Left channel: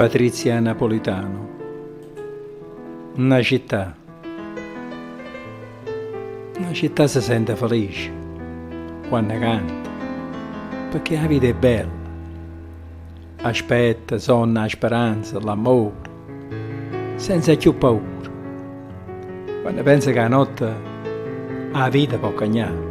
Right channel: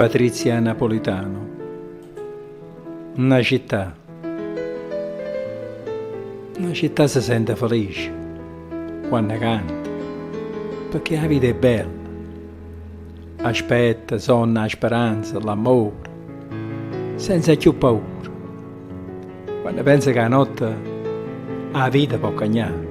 Patrizia Napolitano. Una città si sente felice quando canta, perché la vita è bella. Aspetta, sonna, la speranza, l'amore, senza più paura. Quando pensa che la notte la vita può cagnare.